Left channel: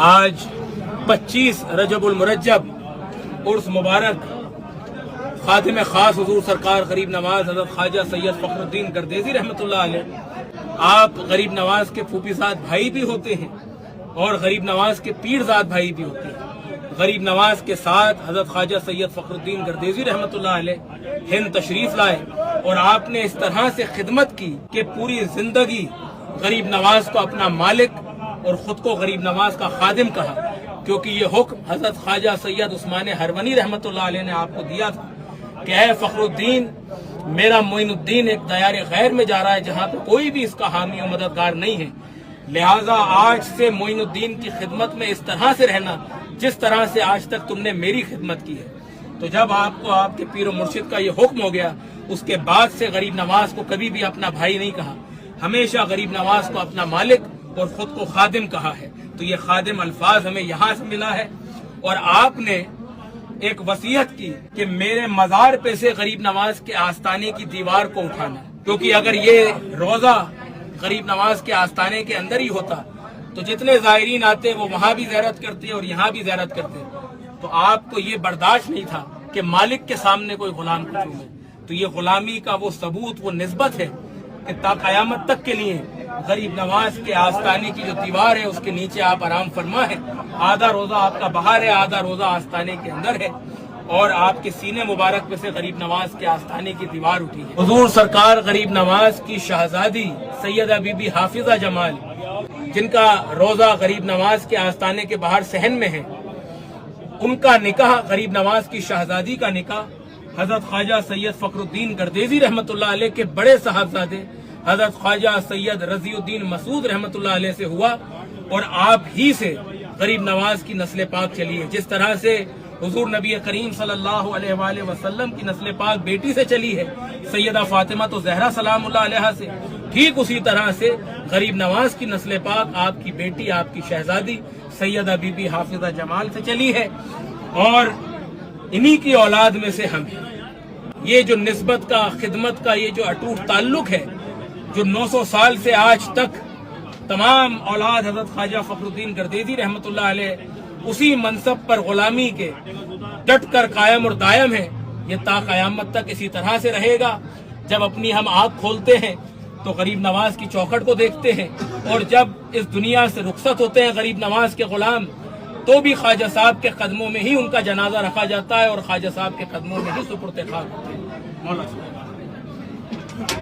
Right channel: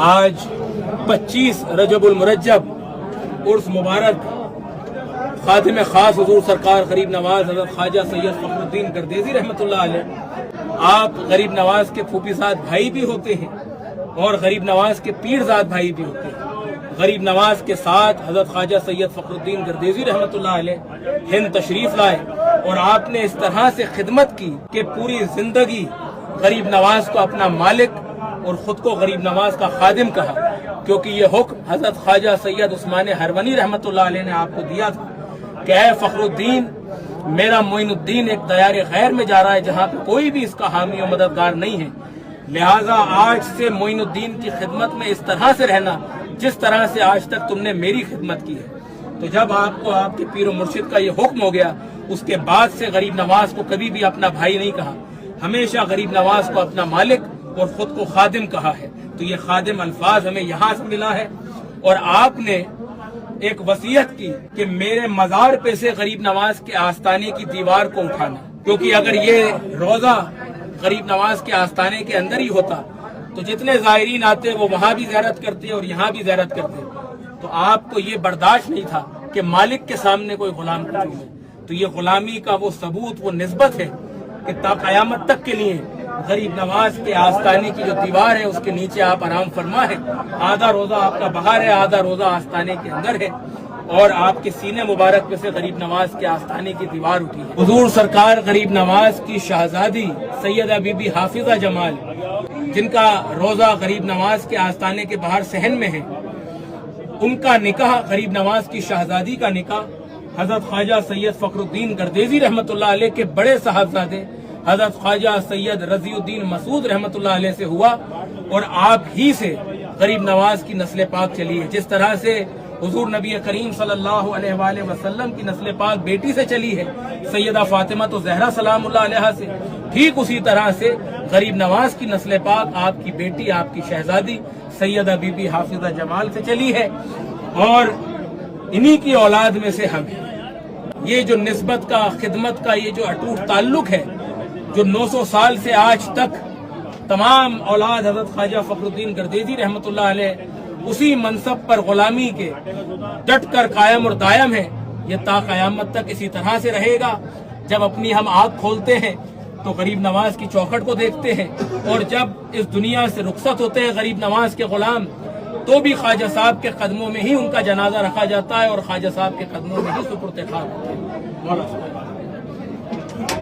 آج 25 رجب المرجب عرس مبارک خادم خاص حضور سرکار غریب نواز حضرت خواجہ سید فخر الدین گردیزی رحمۃ اللہ علیہ، آپ غریب نواز کے پھوپھیزاد بھائی بھی ہوتے ہیں اور غریب نواز کے پیرزاد بھائی بھی ہوتے ہیں۔ غریب نواز کے ساتھ حضرت خواجہ سید فخر الدین گردیزی رحمۃ اللہ علیہ ہند تشریف لائے اور آپ نے اس طرح سے خدمت کی کہ پوری زندگی غریب نواز کو اپنا مالک اور خود کو غریب نواز کا خادم کہا، کیونکہ یہ حکم حضرت خواجہ سید عثمان ہرونی رحمۃ اللہ علیہ نے آپ کو دیا تھا کہ اے فخر الدین، میرا معین الدین ایک دیار غیر میں جا رہا ہے جہاں پہ کوئی بھی اس کا حامی و مددگار نہیں ہے، لہٰذا آج سے معین الدین کی خدمت میں اس طرح سے رہنا جس طرح سے آج تک تم نے میری خدمت کی ہے۔ تو جب آپ کو آپ کے پیر و مرشد کا یہ حکم ہو گیا، اس کے بعد سے غریب نواز کو کبھی بھی اپنا بھائی نہیں کہا، ہمیشہ غریب نواز کو اپنا مالک اور خود کو خادم کہا ہے۔ تو یہ خادم الفاظ ہمیں یہاں سے ملا ہے، اور آپ نے ایک وصیت کی کہ میرے مزار پہ سے غریب نواز کے آستانے کی دیوار کو اٹھانا، کیونکہ اگر یہ روزہ غریب نواز کے آستانے کے اندر ہی ہوتا تو جتنے زائرین آتے وہ وہاں بھی زیارت کرتے اور یہاں بھی زیارت کرتے، تو آپ کو یہ برداشت نہیں تھا کہ مالک کے سامنے کوئی غلام کو چومے۔ تو یہ غلامی کا وہ ثبوت، وہ نسبت ہے کہ تا قیامت تک کے لیے غریب نواز کے آستانے کی جو دیوار ہے اس کے نیچے آپ آرام فرما ہے، آدھا روزہ آپ کا باہر ہے، آدھا روزہ آستانے کے اندر ہے، اور آپ کے سینے مبارک پہ سے غریب نواز کے آستانے کی دیوار اٹھی ہے۔ حضور سرکار غریب نواز کی شہزادی سیدہ بی بی حافظہ جمال، جن کا روزہ غریب نواز کے آستانے کے باہر صحن میں ہے، ان کا نکاح، غریب نواز کی شہزادی کا نکاح حضرت خواجہ سید فخر الدین گردیزی رحمۃ اللہ علیہ کے بڑے صاحبزادے حضرت خواجہ سید رضی الدین مسعود رحمۃ اللہ علیہ سے ہوا، اور آپ ہی سے غریب نواز کی نسل پاک چلی ہے۔ جس طرح سے حضور نبی کریم صلی اللہ علیہ وآلہ وسلم کی نسل پاک بیٹی سے چلی ہے، سیدہ فاطمہ تو زہرا سلام اللہ علیہ سے، ٹھیک اسی طرح سے غریب نواز کی نسل پاک آپ کی بیٹی، آپ کی شہزادی سیدہ بی بی حافظہ جمال سے چلی ہے، اور انہی کی اولاد میں سے ہم ہیں۔ یہ جو نسبت کا، خدمت کا یہ جو اٹوٹ تعلق ہے، جو 900 سال سے آج تک تمام اولاد حضرت خواجہ فخر الدین گردیزی رحمۃ اللہ علیہ اسی منصب پر غلامی کے ڈٹ کر قائم اور دائم ہے، یہ تا قیامت تک اسی طرح سے رہے گا۔ جب اپنی ہم آنکھ کھولتے ہیں تو غریب نواز کی چوکھٹ کو دیکھتے ہیں، اور جب اس دنیا سے رخصت ہوتے ہیں غریب نواز کے غلام، تو بھی خواجہ صاحب کے قدموں میں ہی ان کا جنازہ رکھا جاتا ہے اور خواجہ صاحب کے قدموں میں ہی سپرد خاک ہوتے ہیں۔ مولا